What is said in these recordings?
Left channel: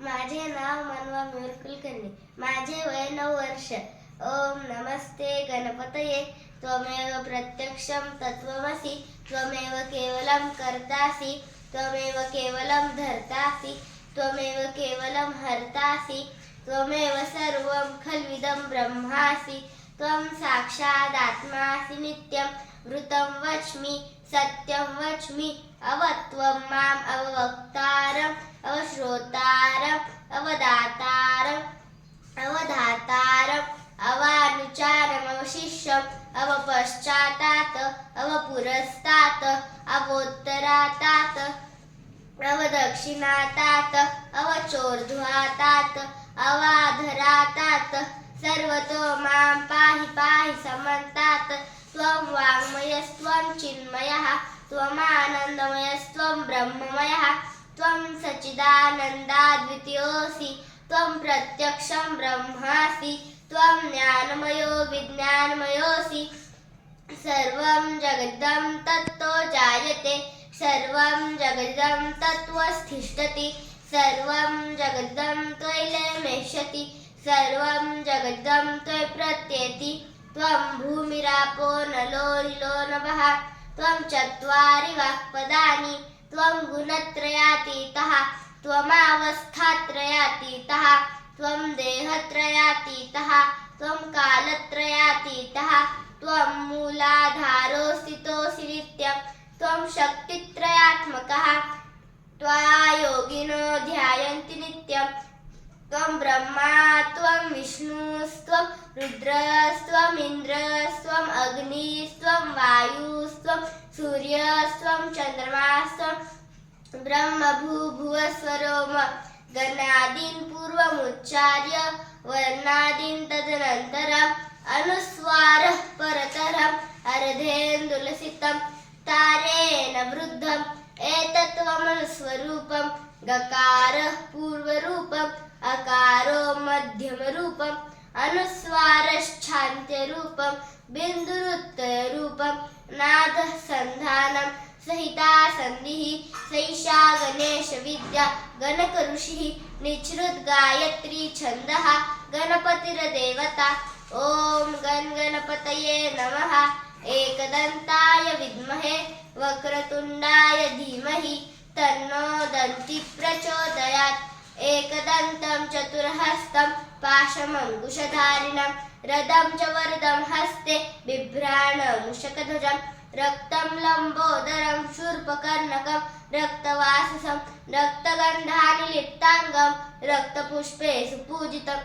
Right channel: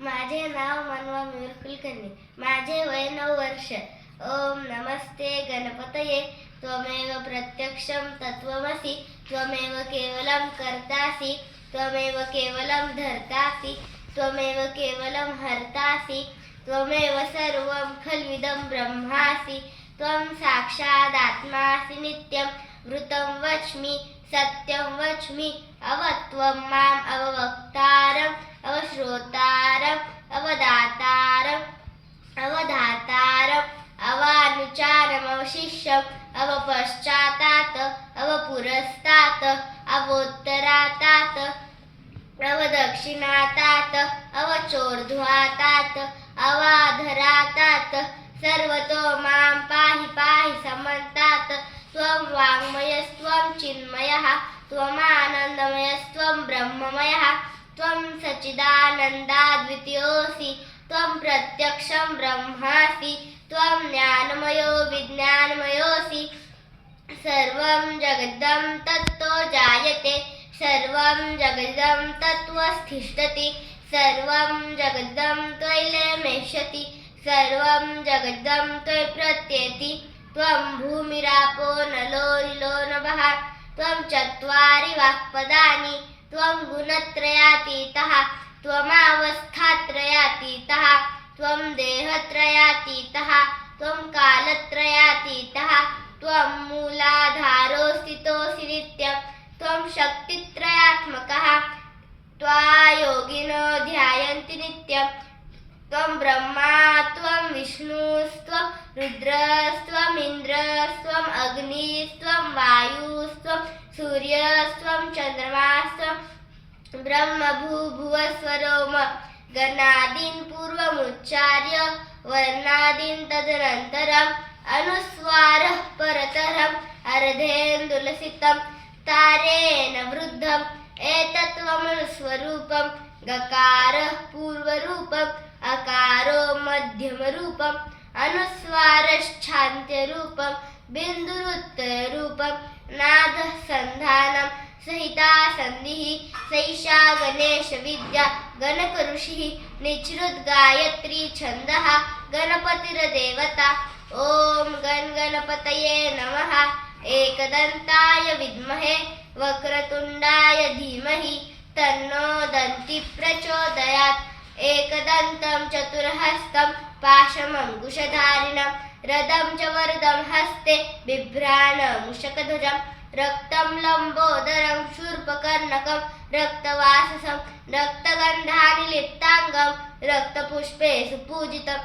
माझे नाव मनवा मयूर कुलकर्णी. माझे वय 9 वर्ष. ओम नमस्ते गणपतये. त्वमेव प्रत्यक्षं तत्त्वमसि. त्वमेव केवलं कर्तासि. त्वमेव केवलं धर्तासि. त्वमेव केवलं हर्तासि. त्वमेव सर्वं खल्विदं ब्रह्मासि. त्वं साक्षादात्मासि नित्यं. वृतं वच्मि सत्यं वच्मि. अवत्वं माम् अववक्तारम् अवश्रोतारम् अवदातारम् अवधातारम् अवानुचारम् अवशिष्यम् अवपश्चातात् अवपुरस्तात् अवोत्तरातात् अवदक्षिणातात् अवचोर्ध्वातात् अवाधरातात् सर्वतो मां पाहि पाहि समन्तात्. त्वं वाङ्मयस्त्वं चिन्मयः. त्वमानन्दमयस्त्वं ब्रह्ममयः. त्वं सच्चिदानन्दाद्वितीयोऽसि. त्वं प्रत्यक्षं ब्रह्मासि. त्वं ज्ञानमयो विज्ञानमयोऽसि. सर्वं जगदं तत्तो जायते. सर्वं जगदं तत्त्वस्थिष्ठति. सर्वं जगदं त्वयैलेमेष्यति. सर्वं जगदं त्वयि प्रत्येति. त्वं भूमिरापो नलो निलो नभः. त्वं चत्वारि वाक्पदानि. त्वं गुणत्रयातीतः. त्वमावस्थात्रयातीतः. त्वं देहत्रयातीतः. त्वं कालत्रयातीतः. त्वं मूलाधारोऽस्थितोऽसि नित्यं. त्वं शक्तित्रयात्मकः. त्वायोगिनो ध्यायन्ति नित्यं. त्वं ब्रह्मा त्वं विष्णुस्त्वं रुद्रस्त्वम् इन्द्रस्त्वम् अग्निस्त्वं वायुस्त्वं सूर्यस्त्वं चन्द्रमास्त्वं ब्रह्मभूभुवस्वरोम. गणादीन् पूर्वमुच्चार्य वर्णादीन् तदनन्तरम् अनुस्वारः परतरम् अर्धेन्दुलसितं तारेण वृद्धम्. एतत्त्वमनुस्वरूपं. गकारः पूर्वरूपम्. अकारो मध्यमरूपम्. अनुस्वारश्चान्त्यरूपं. बिन्दुरुत्तररूपं. नादः सन्धानं सहिता सन्धिः. सैषा गणेशविद्या गणकऋषिः. निःसृद्गायत्री छन्दः गणपतिर्देवता. ॐ गणगणपतये नमः. एकदन्ताय विद्महे वक्रतुण्डाय धीमहि तन्नो दन्तिः प्रचोदयात्. एकदन्तं चतुर्हस्तं पाशमङ्कुशधारिणं रदं च वरदं हस्ते बिभ्राणमुषकध्वजं. रक्तं लम्बोदरं शूर्पकर्णकं रक्तवाससं रक्तगन्धानि लिप्ताङ्गं रक्तपुष्पेषु पूजितं.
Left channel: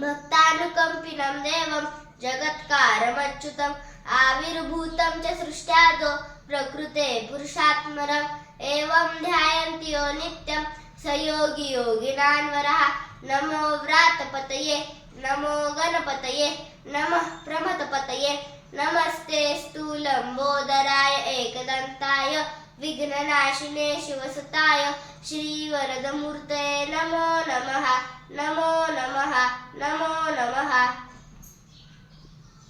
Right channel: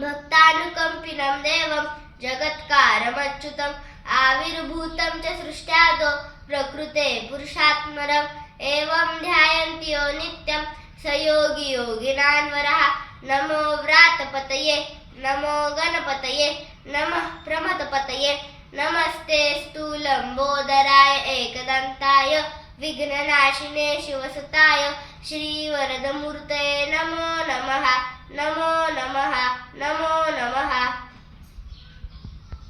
भक्तानुकम्पिनं देवं जगत्कारमच्युतम्. आविर्भूतं च सृष्ट्यादौ प्रकृते पुरुषात्मरम्. एवं ध्यायन्ति यो नित्यं स योगी योगिनान्वरः. नमो व्रातपतये नमो गणपतये नमः प्रमथपतये. नमस्ते स्थूलम्बोदराय एकदन्ताय विघ्ननाशिने शिवसुताय श्रीवरदमूर्तये नमो नमः. नमो नमः. नमो नमः.